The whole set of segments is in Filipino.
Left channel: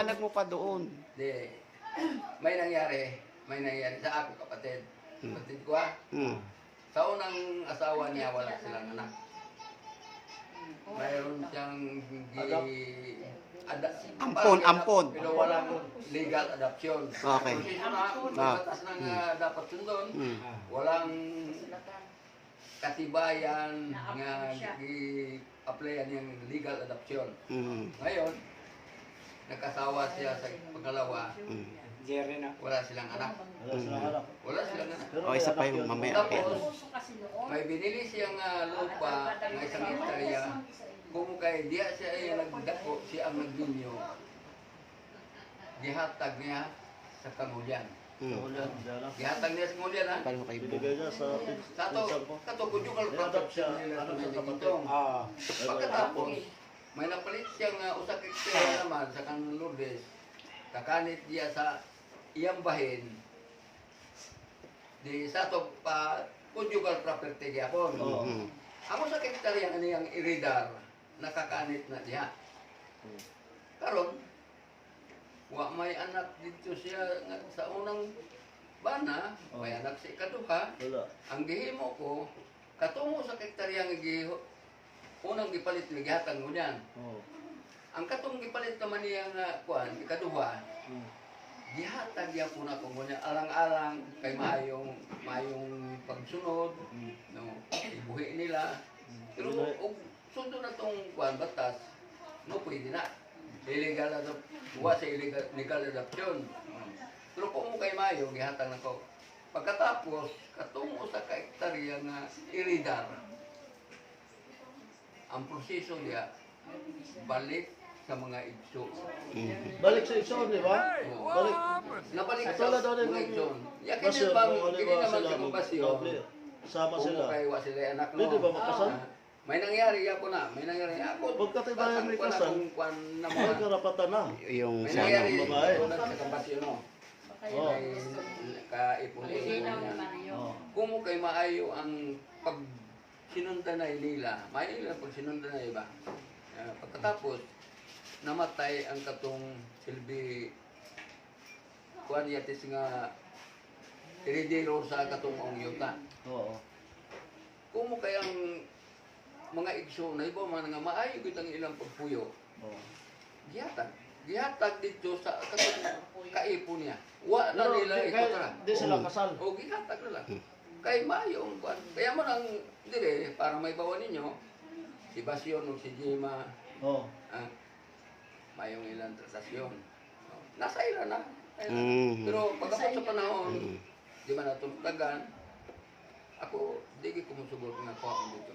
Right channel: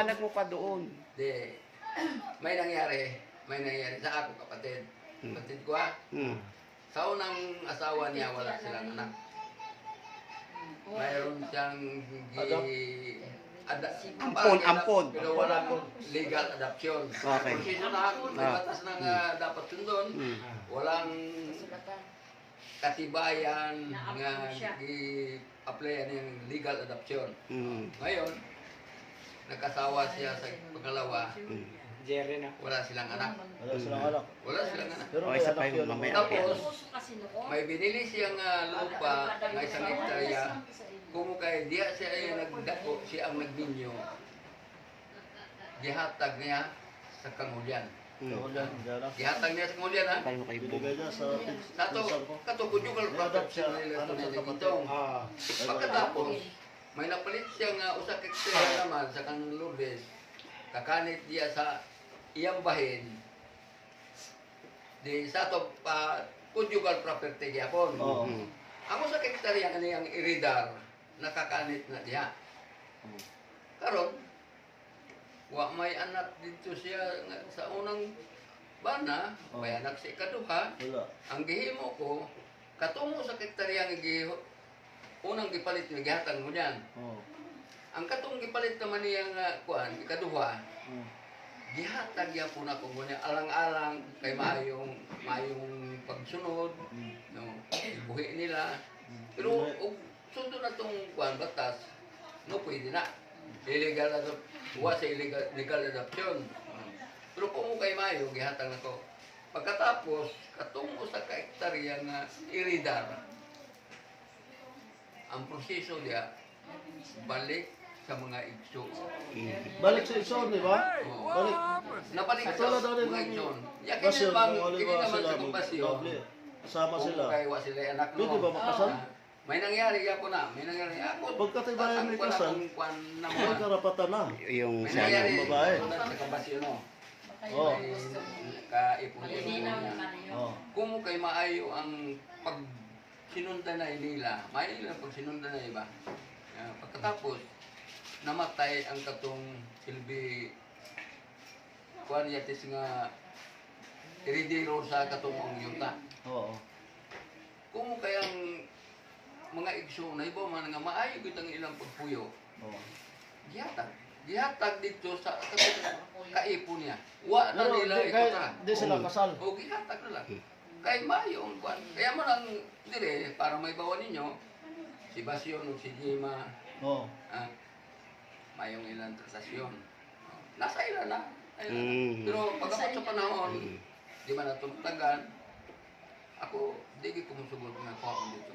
Ipaliwanag mo pa doon. Di, may nangyari sa aking kapatid. Kapatid ko sa unang asawa niya, wala silang anak. Mayroon siyang Ampon. Pero walang legal adoption. Okay. Proseso na, may batas na nga dapat sundon. Walang katibayan nga i-applyan yung legal adoption. Ngayon, nagkasawa siya sa pangalawa. Wala silang anak. Wala silang anak. O, isa pa yung mamaya. Tapos, may binili siyang lupa ng isang hektarya. Kung kay diya siya ay nagdako, siya ang nagbinyo. Gihatag niya sa Kamulyan. Gihatag niya sa Kamulyan ha. Paano kayo buo? Sa to, conjugal protection nila ito na nagitong. Pagkatapos, may napalit siyang usak hektarya naman sa kang Lourdes. Kakanit diya sa iyang bahin. Di sa to pa conjugal property gyapon. Ang usak hektarya kaniyang iridar nakakanit na diya. Karon wa may anak dito siya sa unang bana, may anak sa ikaduha. Ang gihimo ko katungo sa hektarya nga unang gipalit ni gihatag mo niyan. Ang katong gipalit naman niya nga kuan ikaduha. Gihatag ya po na ko niya alang-alang kay maayong pagsunod, no, ibuhi nila. Pero sundo na tong kuan batas, no pwede na. Illegal na buwa sa legal adoption. Pero kung kay mayo gihatag na ko. Pagkatapos katungo sa kahektarya nga iridar. Ang proseso diya balik sa mga igso. Balik sa igsoon, di ba? Balik. Nabalik sa mga igsoon. Yakin yun bang hindi naman sa kumpasyon. Sama Kung sila. kay wa sila anak no. Pwede ba makasal? May nangyari ako na. May nangyari ako. Pagkatibayan may Ko na kasal, kung kwan na mo. may karapatan na. Yung May sa nangyari babae. sa kumpasyon no. May kaipon-ipon niya. Kung kay maayo ang pag sinundan na nila, maayo nila pag sinundan na iba. Pagkatapos, namatay ang katong silbi kuan yatis nga heredero sa katong ang yuta. Oo. Kung kayang mga igso na iba man nga maayo gid ang ilang pagpuyo. Gihatag dito sa katong kaipon niya. Wa na nila ikuta. Di sila kasal. O gihatag na lang. Kay maayo ang kuan. Kaya mo nang dire para may bawa ninyo si Basyon o si Jima. Oo. Mayong ilang transaksyon. Nasa ila na. Pero pagkapot sa panahon, di man natultagan, ako, di ko musugod nga kuha ko dito.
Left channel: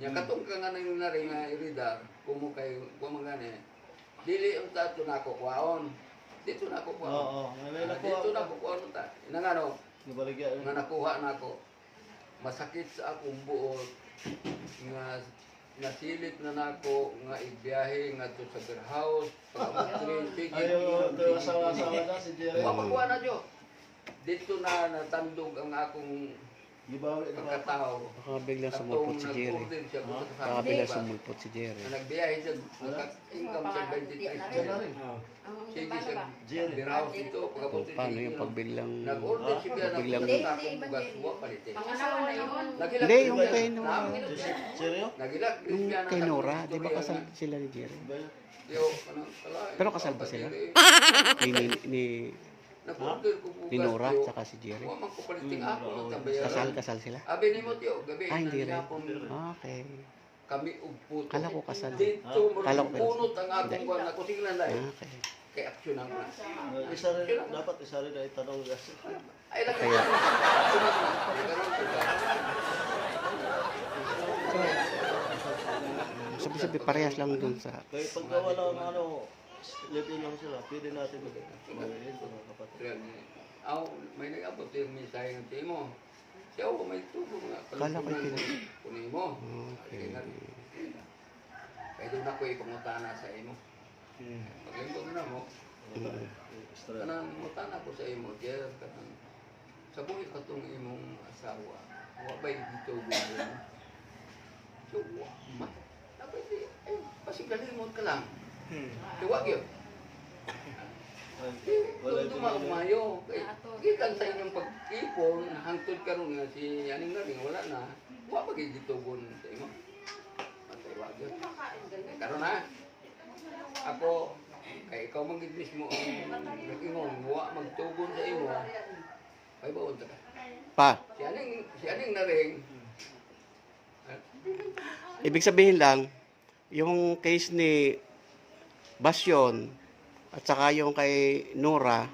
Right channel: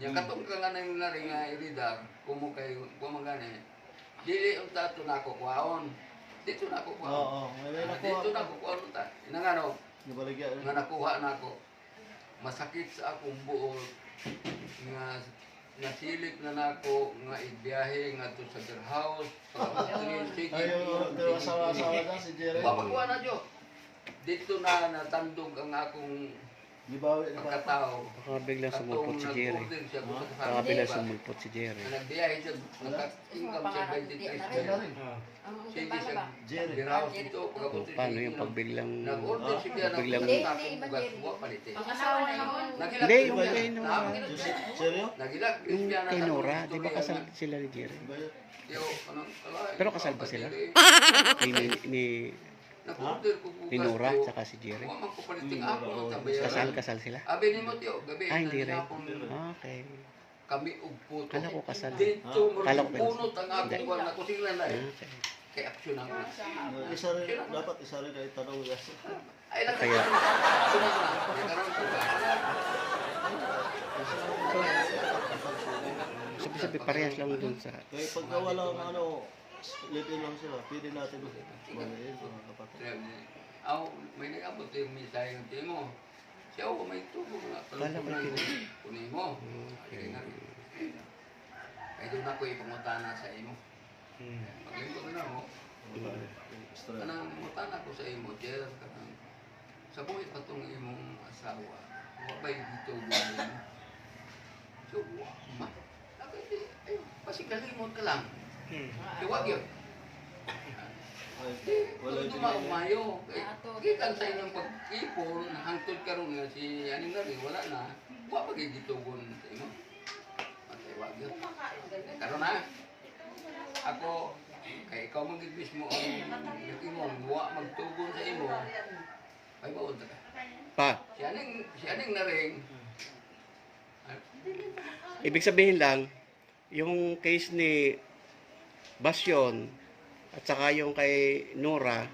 Yung katong ka nga nang naring nga iridar, kumo kay kumagani, dili ang tato na ako kuhaon. Dito na ako kuhaon. Oo. Dito na ako kuhaon ta. Inangano, Nabaligya. nga nakuha na ako. Masakit sa akong buot nga nasilip na nako nga ibiyahe nga to sa beer house pag-amutrin sige Ayaw sa na si Jerry. wapakuha na jo dito na natandog ang akong Gibawi na. pagkatao baka biglang sumulpot si Jerry. Baka biglang sumulpot si Jerry. nagbiyahe siya nagka-income siya 23 million sige siya beer house dito pag-amutrin Paano yung pagbiglang... nag-order siya na Biglang- sa akong bugas buwa palitin Hindi, yung kay Nora. Seryo? nagilak Yung kay Nora, di ba kasal sila ni Jerry? Pero kasal ba sila? Ni Nag-order ko bukas. Ni Nora, tsaka si Jerry. Huwag man ko paliting ako man tabayaran. Kasal sila? Abi ni mo tiyo, gabi. Hindi rin. hapon, Okay. Kami ugputo. Kala ko kasal. Dito, Kala ko punot ang akong Hindi. kuwan. Ako sila na eh. Okay. Kaya aksyon ako na. Isa rin, dapat isa rin ay tanong. Ay lang. Kaya. Sunod na. Nagkaroon ko ba? Sabi-sabi, parehas lang dun sa... Kaya pagka walang live-in lang sila, pwede natin mag-live-in mga kapatid. Aw, may nag-abot yung mensahe ng tiyo mo. Siya ako may tubo nga. Kala ko yun. Kunin mo. Okay. Kaya doon ako ipangutana sa imo. Paglingkod na mo. Kanang mutana ko sa imo, Jer. Kanang sa buhay pa itong imong asawa. Huwag ba'y dito gawin? So, ma. Sabi di, pasigalimod ka lang. Huwag yun. Duma umayo. Gikan sa inyong pag-ipon, hangtod karon nga si aning na rin, wala na. Wa pa gitugon sa imo. Patay wa gyud. Karon na. Ako kay ikaw man gid mismo ang nag-ingon, wa magtugon sa imo. Ay baon ta ka. Pa, Si aning na rin. ibig sabihin lang, yung case ni Basyon at saka yung kay Nora,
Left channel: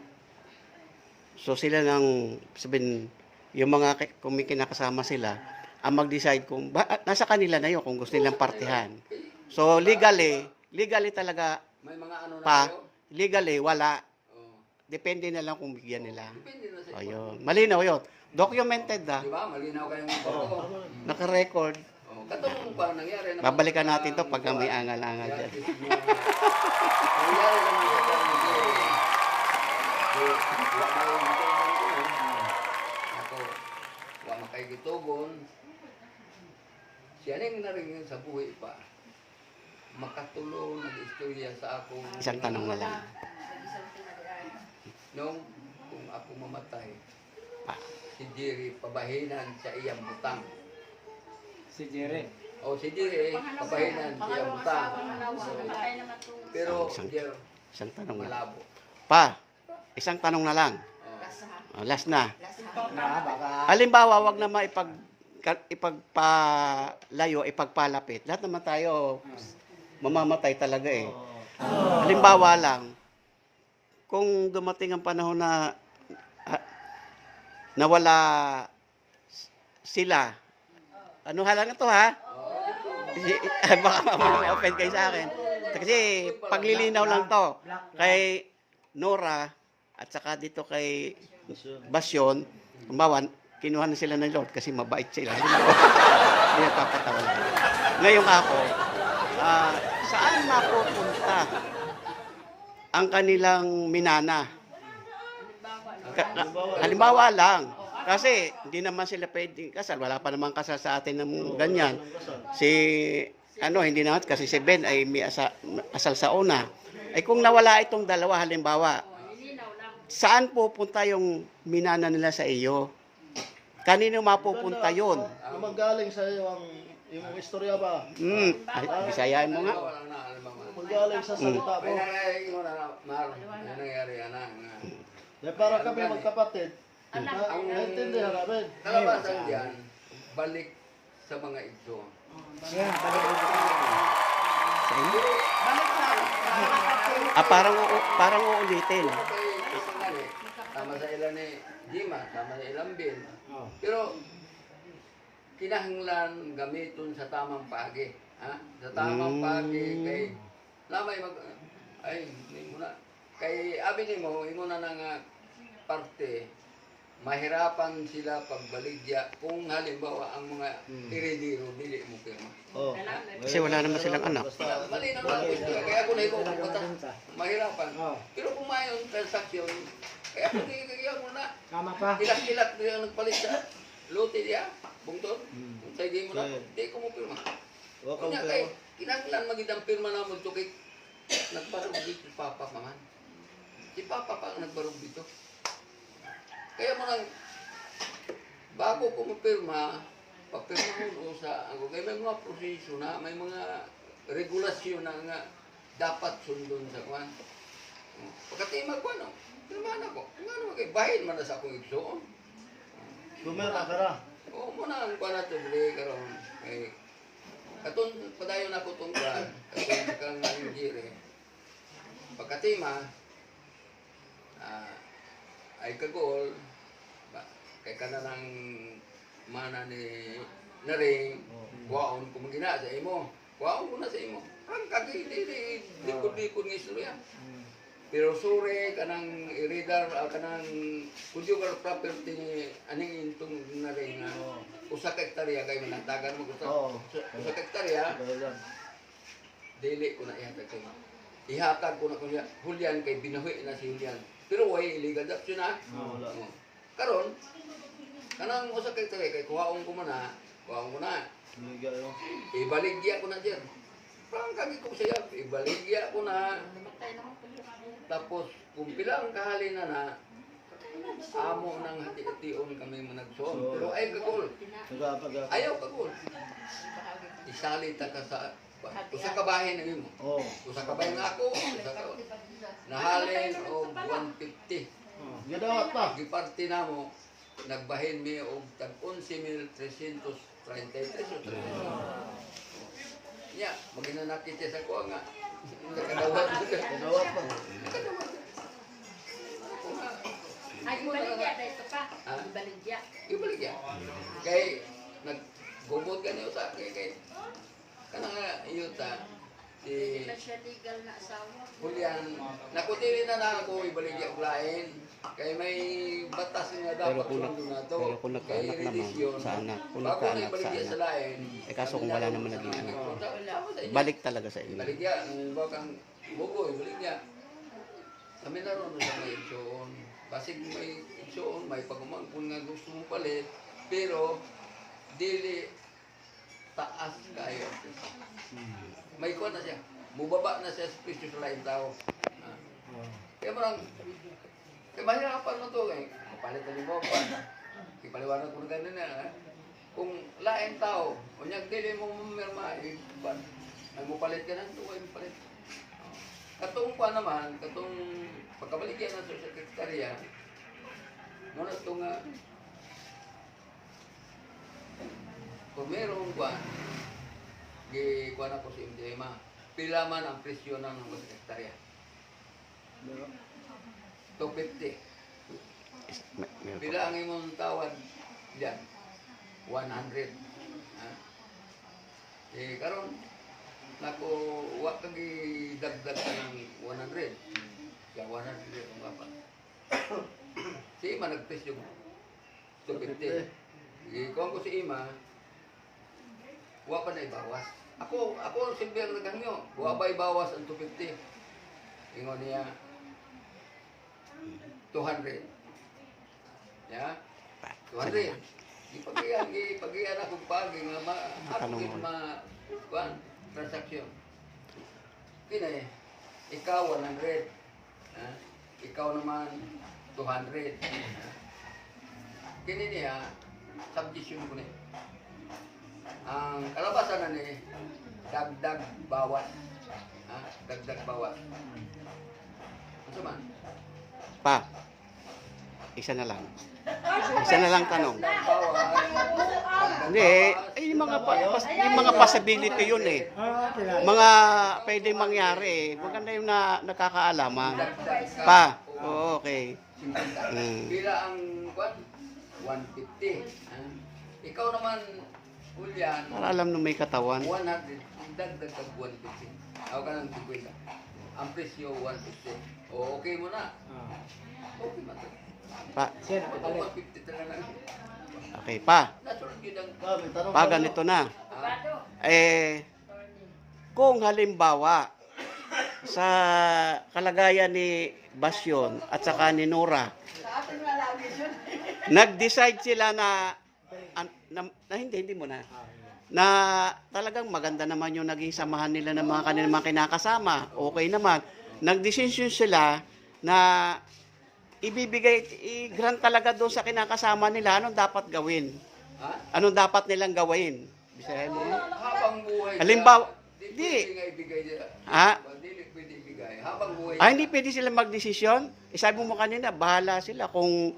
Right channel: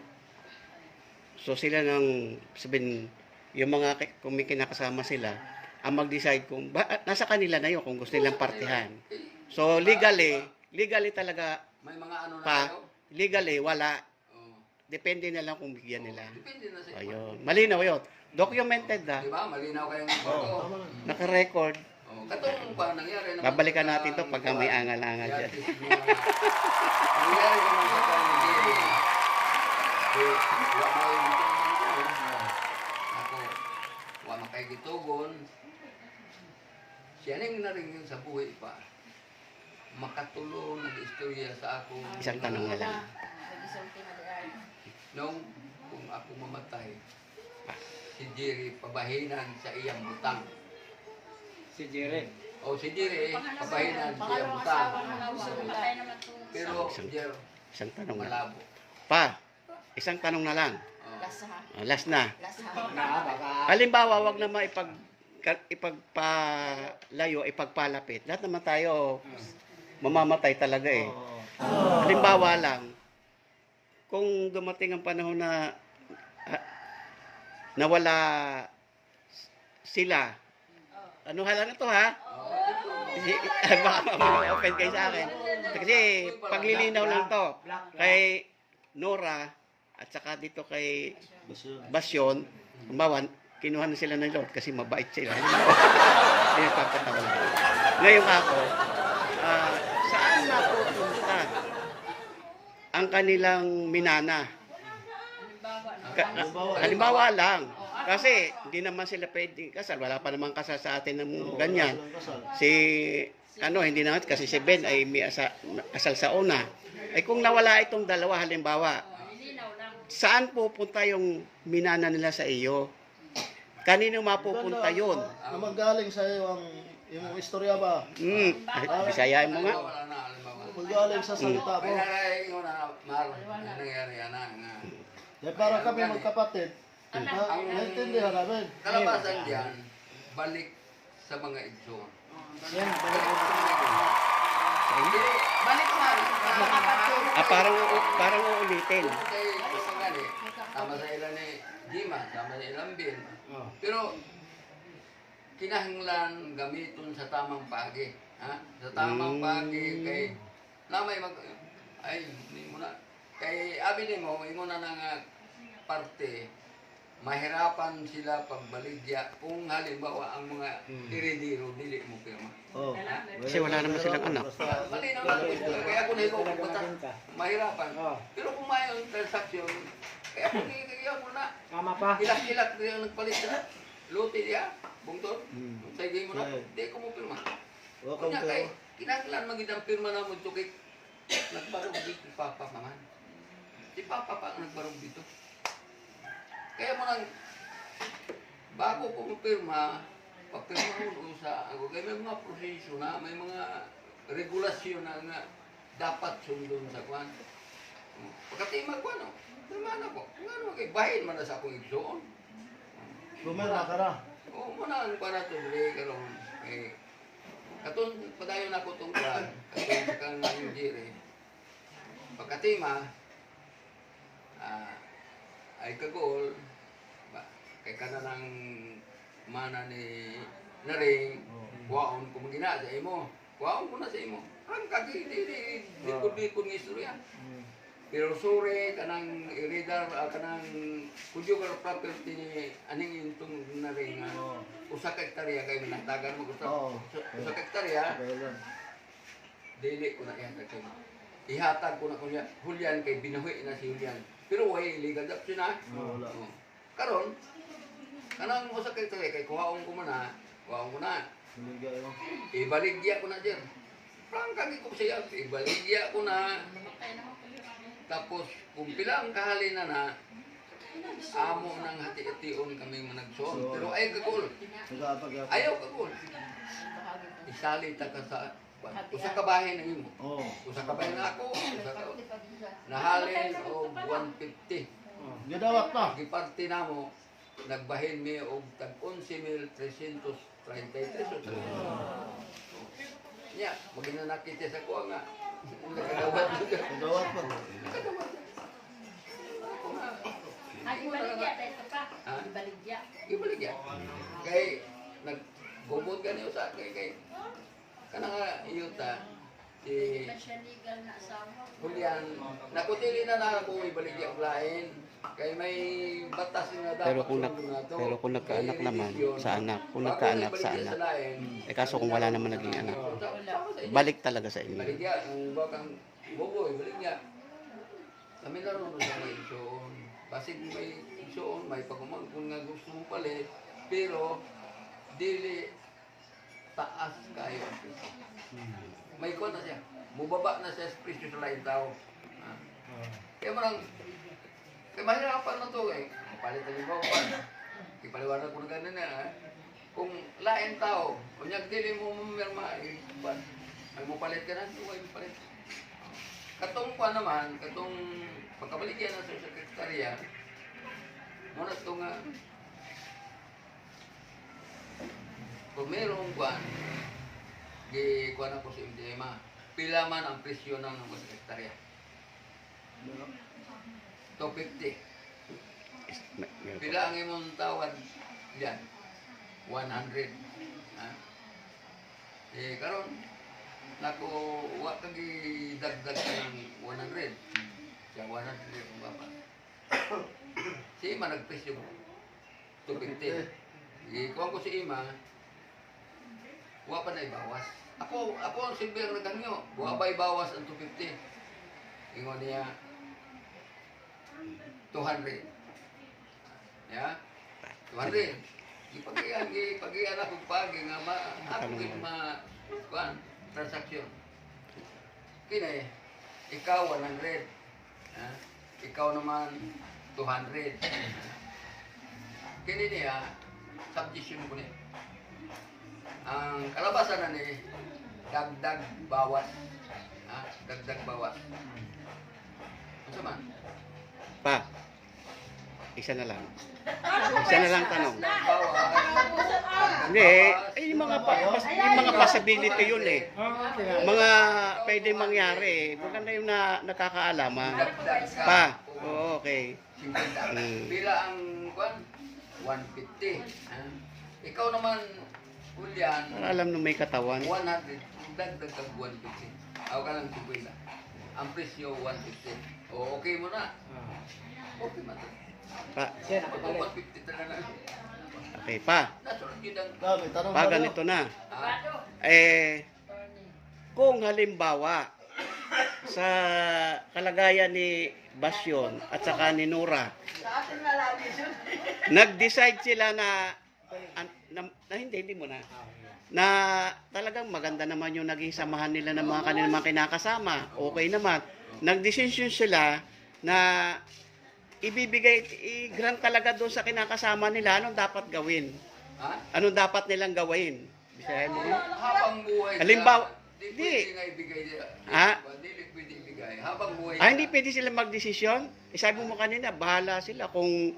so sila nang sabihin, yung mga kung may kinakasama sila, ang mag-decide kung, nasa kanila na yun kung gusto nilang partihan. So legally talaga, May mga ano na pa, kayo? legally wala. Oh. Depende na lang kung bigyan nila. Depende na sa Ayun. Malinaw yun. Documented na. Di ba? Malinaw kayong photo. Naka-record. Oh, katong parang nangyari naman. Babalikan sa natin to pagka may kuwan. angal-angal dyan. Nangyari naman sa Jerry. Wa may gitugon ko. Ako, wa makay gitugon. Siya ning naring sa buhay pa. Makatulong nag-istorya sa ako. Isang tanong na lang. Nung kung ako mamatay, si Jerry pabahinan sa iyang butang. Si Jerry. O si Jerry, pabahinan sa iyang butang. Pero Jerry, Isang tanong na. malabo. Pa, isang tanong na lang. Oh. Last na. Halimbawa, wag na ipagpalayo, ipagpalapit. Lahat naman tayo mamamatay talaga eh. Halimbawa lang, kung dumating ang panahon na nawala sila, ano halang ito ha? Baka ma-offend kayo sa akin. Kasi paglilinaw lang to kay Nora at saka dito kay Basyon, kumbawan, kinuha na sila ng Lord kasi mabait sila. Hindi napapatawa lang. Ngayon ako, saan mapupunta ang kanilang minana? Halimbawa lang, kasi hindi naman sila pwedeng kasal. Wala pa naman kasal sa atin ng ganyan. Hindi naman, kasi si Ben ay may asal sa una. Ay kung nawala itong dalawa, halimbawa, saan pupunta yung minana nila sa iyo? Kanino mapupunta yun? Kung magaling sa iyo yung istorya ba? Bisayain mo nga. Wala na, halimbawa. Magaling sa salita May mo. narating ko na, Mar, may nangyari na nga. Dahil para kami magkapatid. Naintindihan namin. Kalabasan diyan, balik sa mga igsoon. Parang uulitin. Tama sa ilan ni Jima, tama sa ilang bin. Pero, kinahinglan gamiton sa tamang pagi. Ha? Sa tamang pagi, kay, lamay hindi mo na, kay abi ni mo, ingon na nga parte, mahirapan sila pagbaligya kung halimbawa ang mga iridiro, dili mo kayo ma. Oh. Kasi wala naman silang anak. Malinaw na po ito. Kaya ako na ikaw pupunta. Mahirapan. Pero kung mayon transaksyon, kaya ako nagigigyan mo na. Tama pa. Ilat-ilat na yung nagpalit sa luti niya. Bungtod. Kung sagay mo na, hindi ko mo pirma. Kunya kay, kinanglan magidang pirma na mo ito kay nagbarog dito si Papa man. Si Papa pa ang nagbarog dito. Kaya mo nang, bago ko mapirma, papirma mo sa ako. Kaya may mga proseso na, may mga regulasyon na nga dapat sundon sa kwan. Pagkatimag ko, ano, pirma na ko. Kung ano, kay bahin man na sa akong igsoon. Bumira ka na. Oo, muna ang kwan na ito, bili karon. Katong padayon ako itong kwan, katong kang nangyiri. Pagkatima, ay kagol, kay kana ng mana ni naring kuwaon ko magina sa imo. Kuwaon ko na sa imo. Ang kagi di likod-likod ng istorya. Pero sure kanang iridar kanang conjugal property ni aning intong naring usa ka hektarya kay manatagan mo usa ka hektarya dili ko na ihatag kay ihatag ko na kunya Julian kay binuhi na si Julian. Pero way illegal adoption na. Karon kanang usa ka hektarya kay kuhaon ko man kuhaon ko na. Ibaligya ko na diyan. Prang kagi ko siya, ibaligya ko na. Tapos, kung pilang kahalina na, amo nang hati-hation kami managsoon. Pero ay kagul. Nagapag- Ayaw kagul. Isali ta ka sa usa ka bahin ang imo. Oo. Usa ka bahin nga ako, usa ka nahalin og 150. Gidawat na. Giparti namo nagbahin mi og tag 11,333. Ya, maginanakit siya sa kuha nga. Nakadawat mo dyan. Gidawat na. Nakadawat. Ako nga. Ay, ibaligya, dahil pa. Ha? Ibaligya. Ibalik yan. Kay, naggubot ka niyo sa kay kanang nga iyuta, si Na siya legal na asawa. Julian, nakutili na na ako ibalik yan og lain. Kay may batas nga Pero dapat kung, sundon nato. pero kung nagkaanak Kay naman relisyon. sa anak, kung Bago na nagkaanak ibalik sa yan sa anak, lain. eh kaso kung wala naman naging anak, Sama sa inyo. balik talaga sa iyo. Ibalik yan. Bakang bugoy, ibalik yan. Kami na ron sa may igsoon. Basig may igsoon, may pagumangkon nga gusto mong palit. Pero, dili taas kayo. May kuha na siya. Mubaba na siya sa presyo sa lain tao. Ah. Kaya marang, kaya mahirapan na to eh. Palit na yung bawang. Ipaliwanag ko na ganun na. Kung lain tao, kunyag dili mo mamirma, ay mo palit ka na, ay mo palit. Katong pa naman, katong pagkabaligyan ng social secretary, muna ito nga, kung merong kwan, gikuan ako si MTMA, pila man ang presyo ng mga sekretarya? 250. Pila ang imong tawad diyan? 100. Ha? Karon nako wa kag dagdag ka ng 100. Sa 100 ang baba. Si Ima nagpresyo 250. Kuha ko si Ima, wa pa na ibawas. Ako ang silbi ang nagangyo. Wa ba ibawas ang 250? Ingon niya 200. Ya? 200. Ipag-iyan akong pagi nga ako kuan transaksyon. Kini, ikaw 100. Ha? Ikaw naman 200. Kini niya, subdivision ko niya. Ang kalabasan na ni, dagdag bawas. Ha? Dagdag bawas. Ano man? Pa, isa na lang. Isa na lang tanong. Dagdag bawas. Hindi, yung mga possibility yun eh. Mga pwede mangyari eh. Maganda yung nakakaalaman. Dagdag ka. Pa, oo, okay. 50. Bila ang kwan? 150. Ha? Ikaw naman, Julian, Para alam nung may katawan. 100. Dagdag kag 150. Ako ka ng 50. Ang presyo 150. O, okay mo na. Okay man. Pa, Pag 150 talaga na. okay pa. Nasunod yun ang... Pa, ganito na. Ha? Kung halimbawa sa kalagayan ni Basyon at saka ni Nora, nag-decide sila na hindi mo na talagang maganda naman yung naging samahan nila ng mga kanilang mga kinakasama. Okay naman. Nag-decision sila na i-grant talaga doon sa kinakasama nila anong dapat gawin. Ha? Anong dapat nilang gawin. Bisahin mo. Habang buhay Halimbawa, di di. pwede nga ibigay niya. Ha? Di pwede ibigay. Habang buhay Hindi pwede sila magdesisyon. Sabi mo kanina, bahala sila kung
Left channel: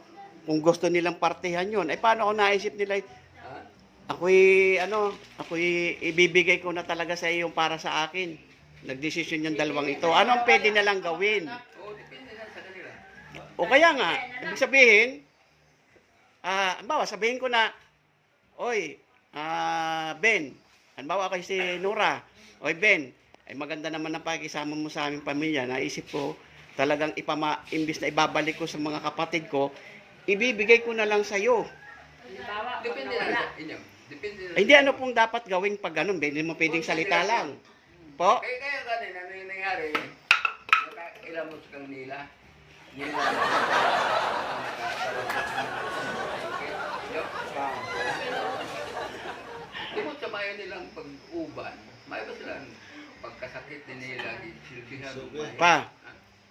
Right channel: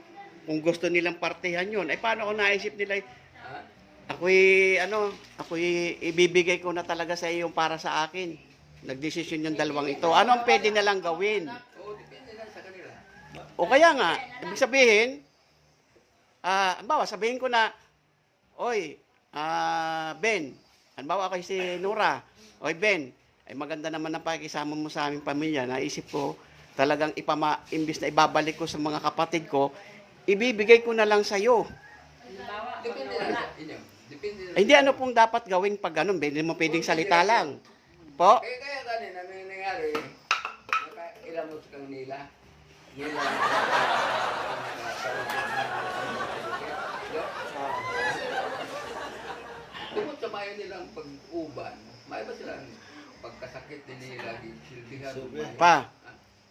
gusto nilang partihan yun. Paano kung naisip nila, Ha? ako'y ibibigay ko na talaga sa iyo yung para sa akin. Nagdesisyon yung dalawang ito. Anong pwede nilang gawin? Oo, depende lang sa kanila. O kaya nga, ibig sabihin, sabihin ko na, oy, Ben, halimbawa kay si Nora, oy Ben, ay maganda naman ang pakikisama mo sa aming pamilya. Naisip ko, talagang imbis na ibabalik ko sa mga kapatid ko, ibibigay ko na lang sa iyo. Depende lang sa inyo. Depende lang. Hindi ano pong dapat gawin pag ganun, Ben, hindi mo pwedeng salita lang. Po? Kaya kanina, nangyari, nakailan mo sa kang nila. Nila. Tungkol sa mayo nilang pag-uban, may ba silang pagkasakit din nila, silbihan mo? Pa,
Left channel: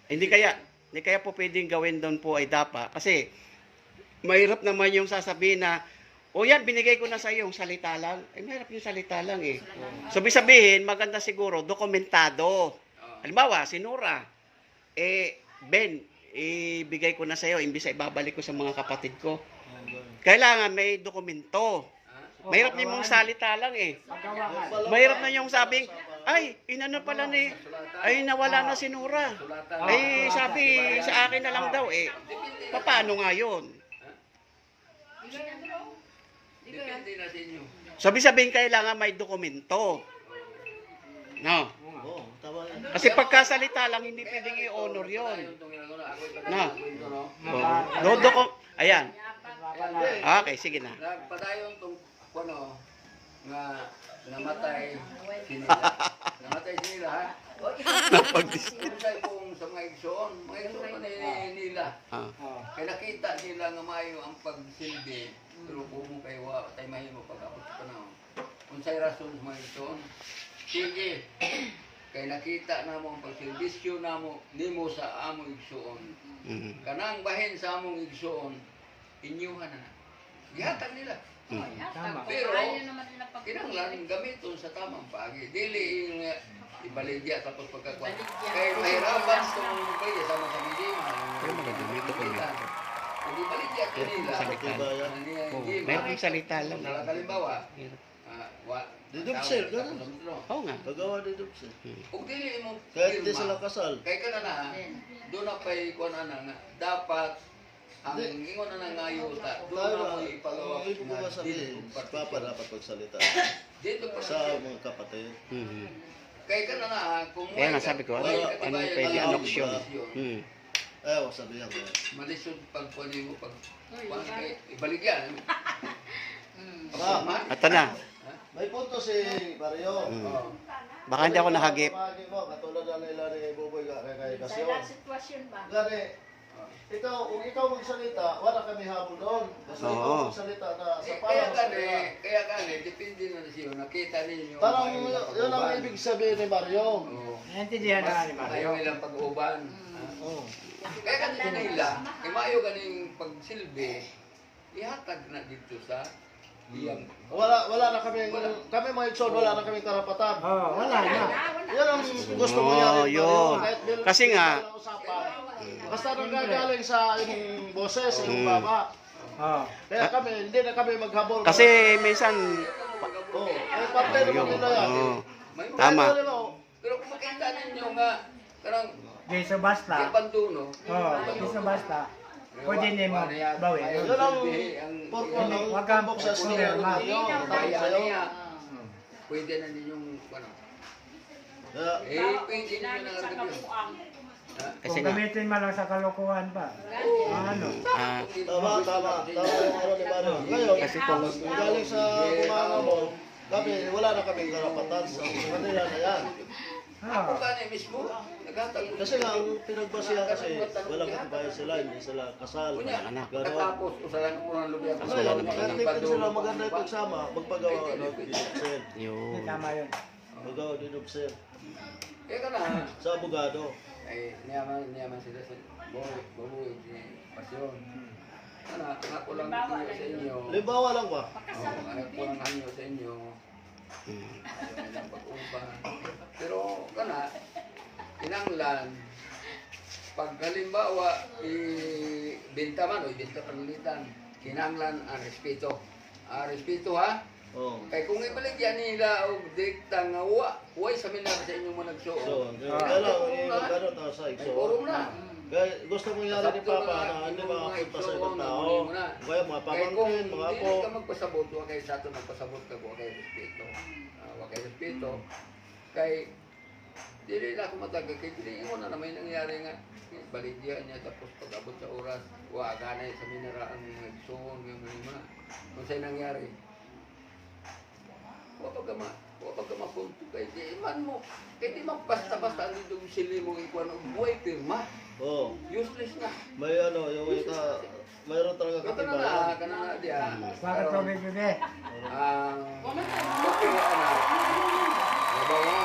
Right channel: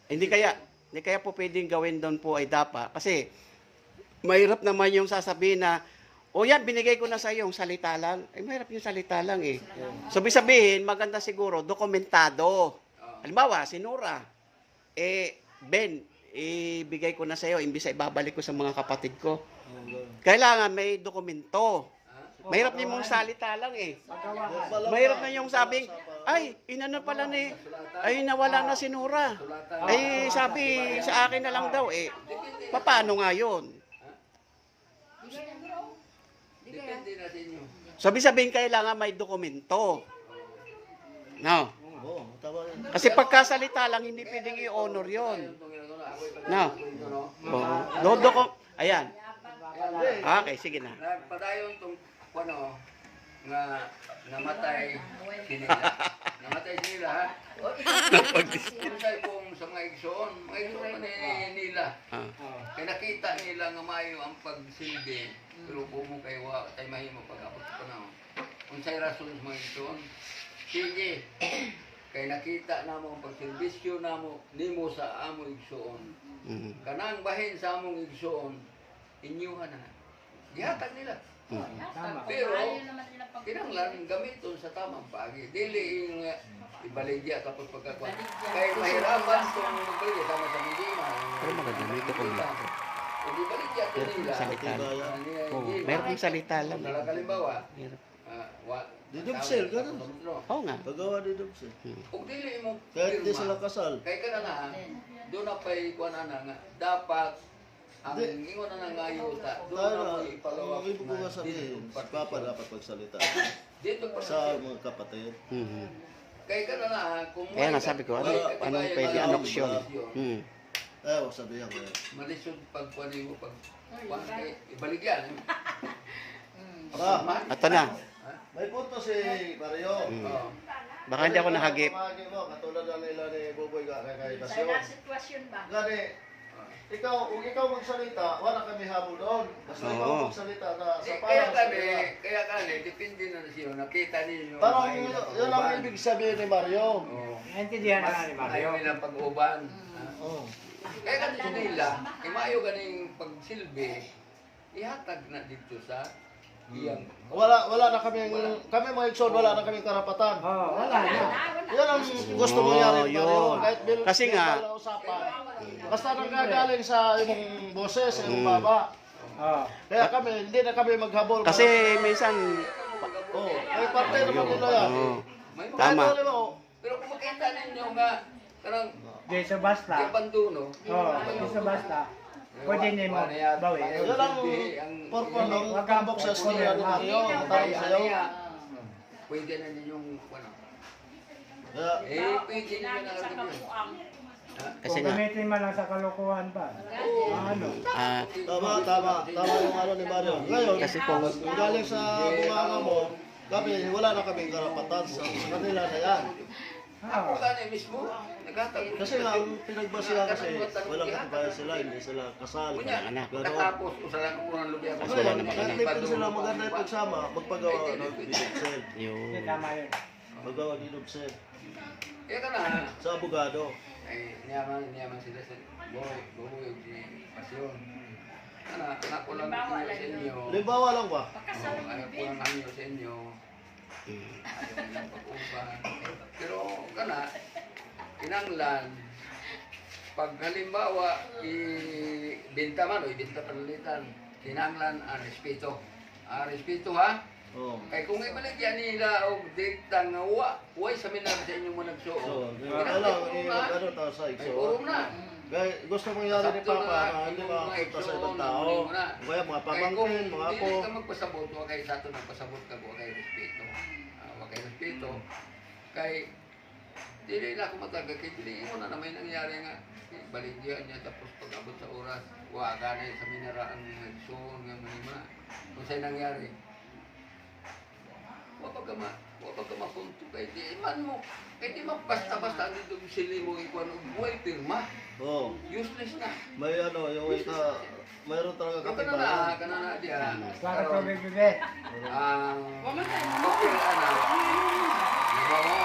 Hindi kaya po pwedeng gawin doon po ay dapa. Kasi, mahirap naman yung sasabihin na, o yan, binigay ko na sa iyo, yung salita lang. Ay, mahirap yung salita lang eh. Sabihin, maganda siguro, dokumentado. Halimbawa, si Nora, Ben, ibigay ko na sa iyo, imbis ay babalik ko sa mga kapatid ko. Kailangan may dokumento. Mahirap na yung salita lang eh. Mahirap na yung sabing, ay, inano pala ni, ay nawala na si Nora. Ay, sabi sa akin na lang daw eh. Paano nga yun? Depende na sa inyo. Sabihin kailangan may dokumento. No. Oo, tama yan. Kasi pagkasalita lang, hindi pwedeng i-honor yun. No. Ayan. Okay, sige na. Nagpadayon tong ano nga namatay sinila. Namatay sinila ha. Unsay kung sa mga igsoon man nila. Kaya nakita nila nga maayo ang pagsilbi, pero bumo kay wa tay mahimo pag-abot sa panahon. Unsay rason sa mga igsoon? Sige. Kay nakita namo ang pagsilbisyo namo nimo sa amo igsoon. Kanang bahin sa among igsoon, inyuhan na. Gihatag nila. Pero kinahanglan gamiton sa tamang pagi. Dili yung ibaligya tapos pagkakuan. Kay mahirapan tong magbaligya sama sa Mindima. Pero maganda dito ko na. Kung ibaligya to nila. Meron kong salita lang. Kalimbawa, Didubsel, ganun. Oo nga. Pagawa didubsel. Ug dili mo Kahit di pirma. sila kasal. Kay kana na do na pay kuan ana nga dapat ang ingon na nga yuta do na mo ipagawa Ibig ko nga nga sabihin, dito Papa partisyon. dapat magsalita Dito sa partisyon. mga kapatid. Kay kana na kung Kaya nga sabi ko, anong pwede anoksyon? Ayaw, sabihan ko. Malisod pag kuan mo pag kuan kay ibaligyan. Ah. Ato na. May punto si Mario. Oo. Baka hindi ako nahagip. Pamagi mo, katulad na nila ni Buboy kay Sa Kasyon. sitwasyon ba? Gani, kung ikaw magsalita, wala kami habol doon. Kasi Oo. ikaw magsalita na sa Kaya para sa kaya kani depende na siyo nakita ninyo. Parang may yun napag-uban. ang ibig sabihin ni Mario. Oo. Naintindihan na Mas nga ni Mario. ayaw nilang pag-uban. Oh. Kaya kanito nila, kay maayo ganing pagsilbi, ihatag na dito sa iyang Wala na kami, kami mga Ikson, wala na kami karapatan. Oo, wala na. Yan ang gusto mo Oo, yan. yun. Kasi nga- Basta nagagaling sa imong boses, sa imong baba. Oo. Kaya kami, hindi na kami maghabol. Kasi minsan, Oh, ay parte oh, naman yun. nila yan. Oo. may mga Tama. pero kung makita ninyo nga karang Di sa basta. ibanduno, Oo, di sa basta. Pwede niyo mo bawi. Yan ang purpose ng Huwag kang tambok sa storya ng Mario. kaya niya. Pwede na ninyong ano. Kaya, Pwede niyo na lang yun. Ha? Kasi Kung nga, gamitin mo lang sa kalokohan pa. Ano? tama yung ano ni Mario. Ngayon, Kasi kung- galing sa bunganga mo, kami, wala na kami karapatan sa kanila na yan. Ako kanya mismo, naghatag. Kasi nga, ang pinagbasihan kasi, walang kabahay sila, hindi sila kasal. Kunya, anak. katapos ko sa lang ko ng lubi ako. Mas wala namang anak. Hindi pwede sila maganda yung pagsama, magpagawa ng didubsel. yun. Tama yun. Magawa ng didubsel. Kaya ka na, Sa abogado. ay niyaman sila sa buhay di pasyon. Anak ko lang ito sa inyo. Limbawa lang ba? Anak ko lang hanyo sa inyo. Ayaw nilang pag-uban. Pero kana, kinanglan, pag halimbawa, ibenta man o ibenta panalitan, kinanglan ang respeto. Respeto ha? Oo. Kay kung ibaligyan nila og dikta nga way seminar sa inyong mga So, nagsuot. yung wala, gano'n tayo sa Ay ikso. puro na. Kaya gusto mo yan ni Sakto Papa na na hindi imong mga makapunta sa igsoon ibang na tao. muli mo na. Kaya mga Kay kung pamangkin, mga dili apo. ka magpasabot, wa kay sa ato nagpasabot ka, wa kay respeto. Wa kay respeto. Kay dili na ako matagal kay dili mo na may nangyari nga baligyan niya tapos pag-abot sa oras wa ganay sa minera ang mga igsoon nga manima. Kung sa'y nangyari, wa pag mapunto kay di man mo kay di man basta-basta ang dito sili mo ikuan og buhay pirma. Oo. Useless na. May ano, yung mayroon talaga Pero kana na diya. Bakit tubig yun eh? Ang bakit anak. Nabawa.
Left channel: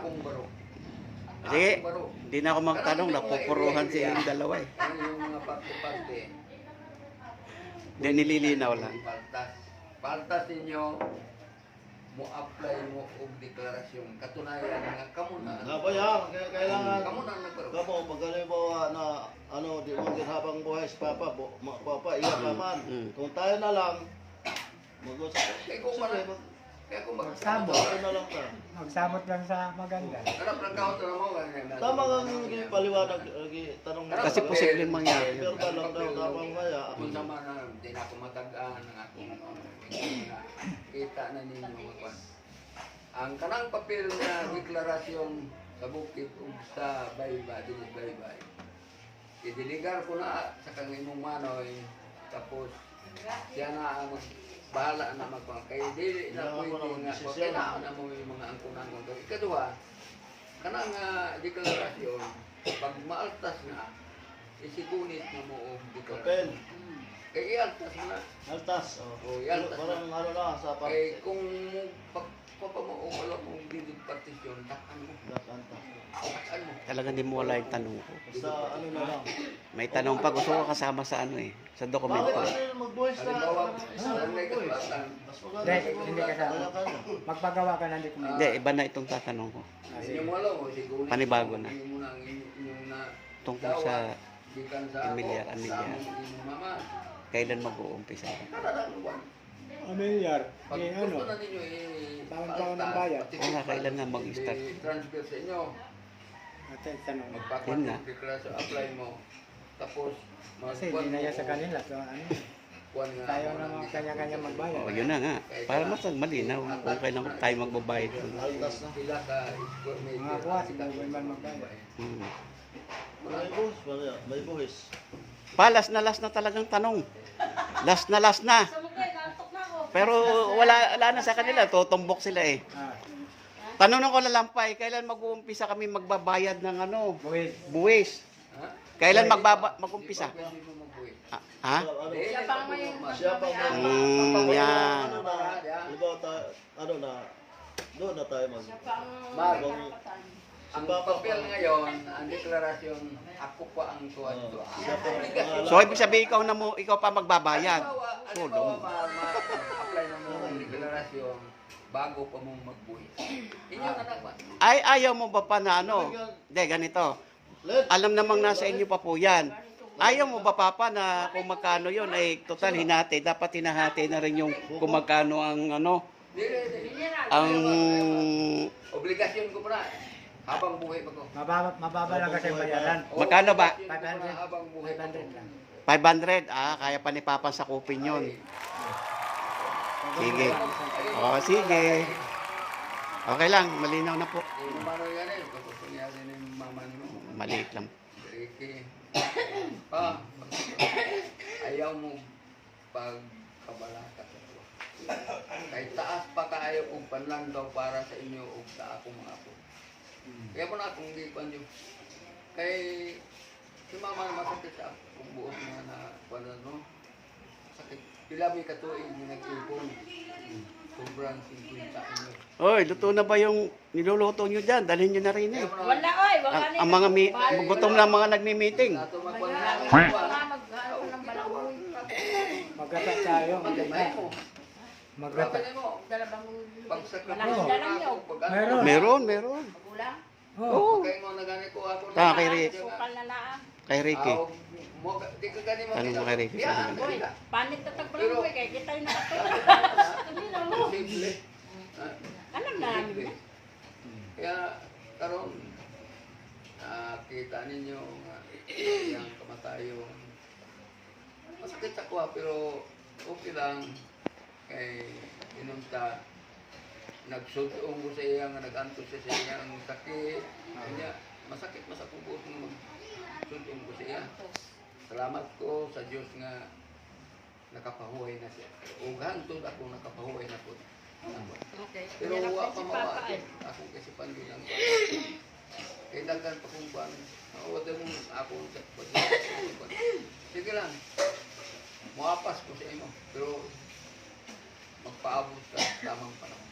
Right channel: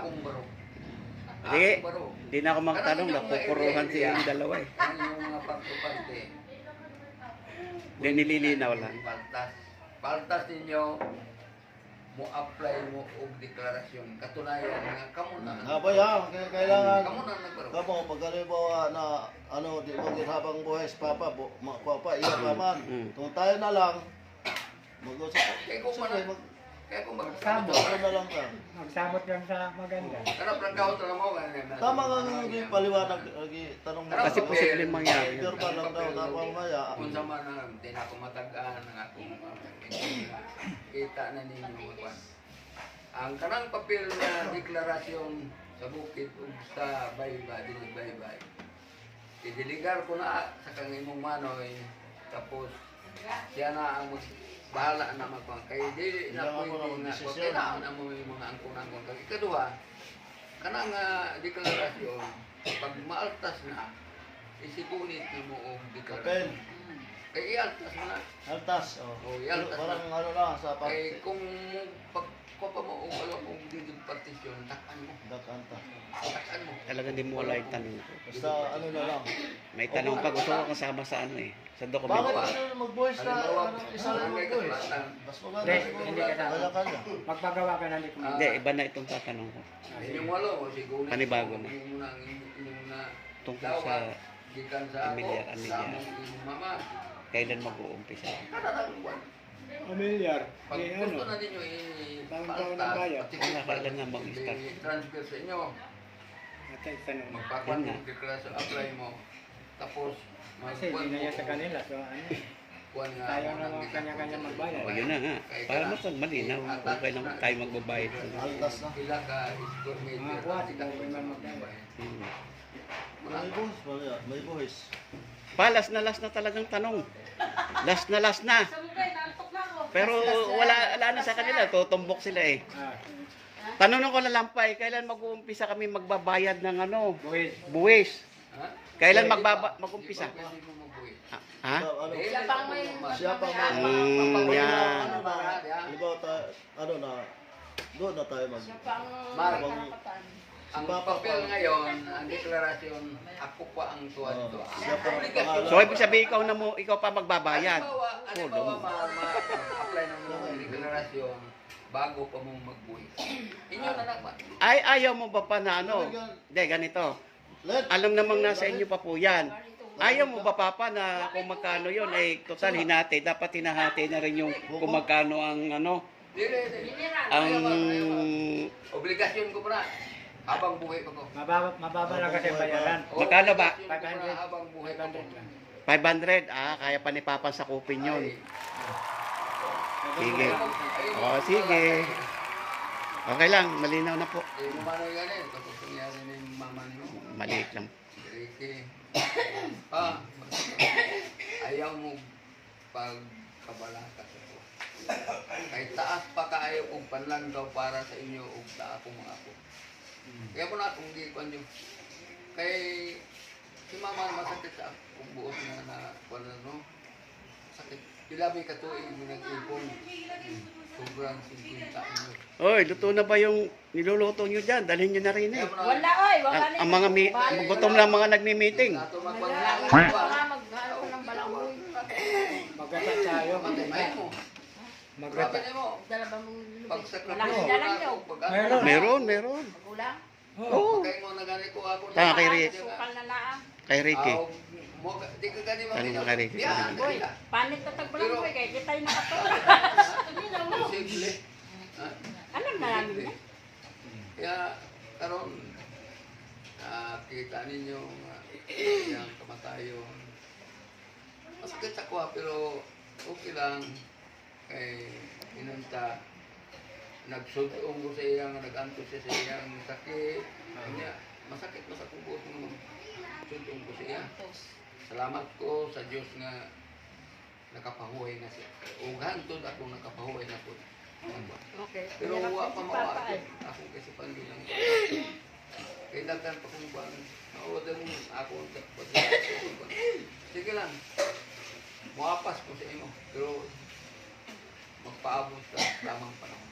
akong baro. Sige. Akong baro. Hindi na ako magtanong, napupuruhan si yung dalawa eh. Ang yung mga parte-parte. Hindi nililinaw lang. Paltas. Paltas ninyo, mo apply mo og deklarasyon. Katunayan nga kamo na. Nabaya, kailangan. Kamo na nagbaro. Kamu, pag halimbawa na di mo habang buhay si Papa, Papa, iyak naman. Mm. Kung tayo na lang, mag-usap. Kaya kung kaya kung Magsama. Tayo na lang ka. Magsamot lang sa maganda. Karap lang kahot na mo. Tama nga nang paliwanag, tanong mo. Kasi posibleng mangyari yun. Pero ka lang daw, mamaya. Kung sama na, hindi na ako matagaan ng akong kita na ninyo kwan. Ang kanang papel na deklarasyon sa bukid ug sa baybay, dili baybay. Idiligar ko na sa kang imong manoy, tapos siya na ang bahala na magpang kay dili na pwede nga wa kailangan na mo yung mga angkon-angkon. Kay ikaduha, kanang deklarasyon pag maaltas na isigunit na mo og deklarasyon. Papel. Kay ialtas mo na. Altas. Oh, ialtas na. Parang ano na, sa Kay kung pag ko pa mo o wala mong didog partisyon, takan mo. Altas. Takan mo. Talagang di mo wala yung tanong ko. Basta ano na lang. May tanong pa, gusto ko kasama sa ano eh. Sa Bakit dokumento. ano mag-voice na? Halimbawa, Isa ang may kasulatan. Mas Hindi, maganda. hindi ka tama. Kanya-kanya. Magpagawa ka na dito. Hindi, iba na itong tatanong ko. Inyong walo, o siguro. Panibago na. Inyong na, inyong na. Tungkol sa Gikan sa ako, Emilyar, sa Emilyar. among inyong mama. kailan mag-uumpisa. Kadalang buwan. Amilyar. Pag Eh, gusto ano? na ninyo Taon-taon ang bayad. Kaya kailan nga mag-start? transfer sa inyo. Matay tanong. Magpakuan Yun mo, nga. deklarasyon, apply mo. Tapos, Kasi magkuhan hindi na mo. yan sa kanila. Pero ano? Kuhan nga Tayo ako na ng mga kanya-kanya magbayad. O, yun na nga. Para mas malinaw kung kailan tayo magbabayad. Pila ka square meter. Mga kuwan, sikat mo mga sa iba mga bayan. Hmm. May voice, may voice. Last na talagang tanong. Last na. Sa mukha, nantok na ako. Pero wala na sa kanila. Tutumbok sila eh. Ah, Tanong ko na lang pa eh, kailan mag-uumpisa kami magbabayad ng ano? buwis. Buwis. Ha? Kailan mag-umpisa? Di ba pwede mo magbuhi? Ha? So, ano, Di, Siya di pa ba may po mas- siya pa Yan. Diba, ano na, doon na tayo mag... Mar, Ang ang papel ngayon, ang deklarasyon, ako pa ang tuwa nito. Ang obligasyon. So ibig sabihin ikaw pa magbabayad. Halimbawa, ma-apply na mo ang deklarasyon bago pa mong magbuhi. Inyo na naman. Ay, ayaw mo ba pa na ano? Hindi, ganito. Let, Alam namang nasa inyo pa po yan. Ayaw mo ba papa na kung magkano yun ay total hinati. Dapat hinahati na rin yung kung magkano ang ano. Dili. Ang Obligasyon ko pa na. Habang buhay pa ko. Mababa lang kasi ang bayaran. Magkano ba? Obligasyon ko pa na habang buhay pa ko. 500 lang. 500. Kaya pa ni papa sa kupin yun. Sige. O, sige. Okay lang, malinaw na po. Hindi mo mano yan eh. Tapos nangyari na yung mama niyo. Maliit lang. Ricky. Ayaw mo pagkabalata sa ko. Kay taas pa kaayo kung panlanggaw para sa inyo ug sa akong mga apo. Kaya mo na akong gikuan yun. Kay si mama masakit sa akong buot na wala no. Sakit. Pila may katuig na nag-ipon. Sobrang 50 inyo. Oy, luto na ba yung niluluto nyo dyan? Dalhin nyo na rin eh. Wala, oy. Wala Ang mga gutom lang mga nagmi-meeting. Nato magpanglawan. Maghalo ng balangoy. Magkata tayo. Magkatay mo. Magkata. Grabe mo. Dala bang Pagsakripisyo Dala niyo. Meron. Meron. Magulang? Oh. Oo. Pagkain mo na gani ko ako. Tama kay Rick. Sukal na laang. Kay Ricky. Di ka gani Tanong mo kay Ricky. Yan, Uy, kanila. panit na tagbalangoy kay kita yung nakatulog. Kanina mo. Simple. Alam na namin na. Kaya, karon kita ninyo yung kamatayon. Masakit sa kuha, pero okay lang. Kay inunta, nagsudong ko sa iya nga nag-anto siya sa iyang sakit. Kanya, masakit sa kubot nga magsudong ko sa iya. Salamat ko sa Diyos nga nakapahuhay na siya. O hantod ako nakapahuhay na po. Okay. Pero Hirap wa si pa Papa, mawa eh. akong kasipan yun lang. Kaya daghan pa kong buwan. Mawad mo ako sa pag-ibig. Sige lang. Muapas ko sa imo. Pero magpaabot sa tamang panahon.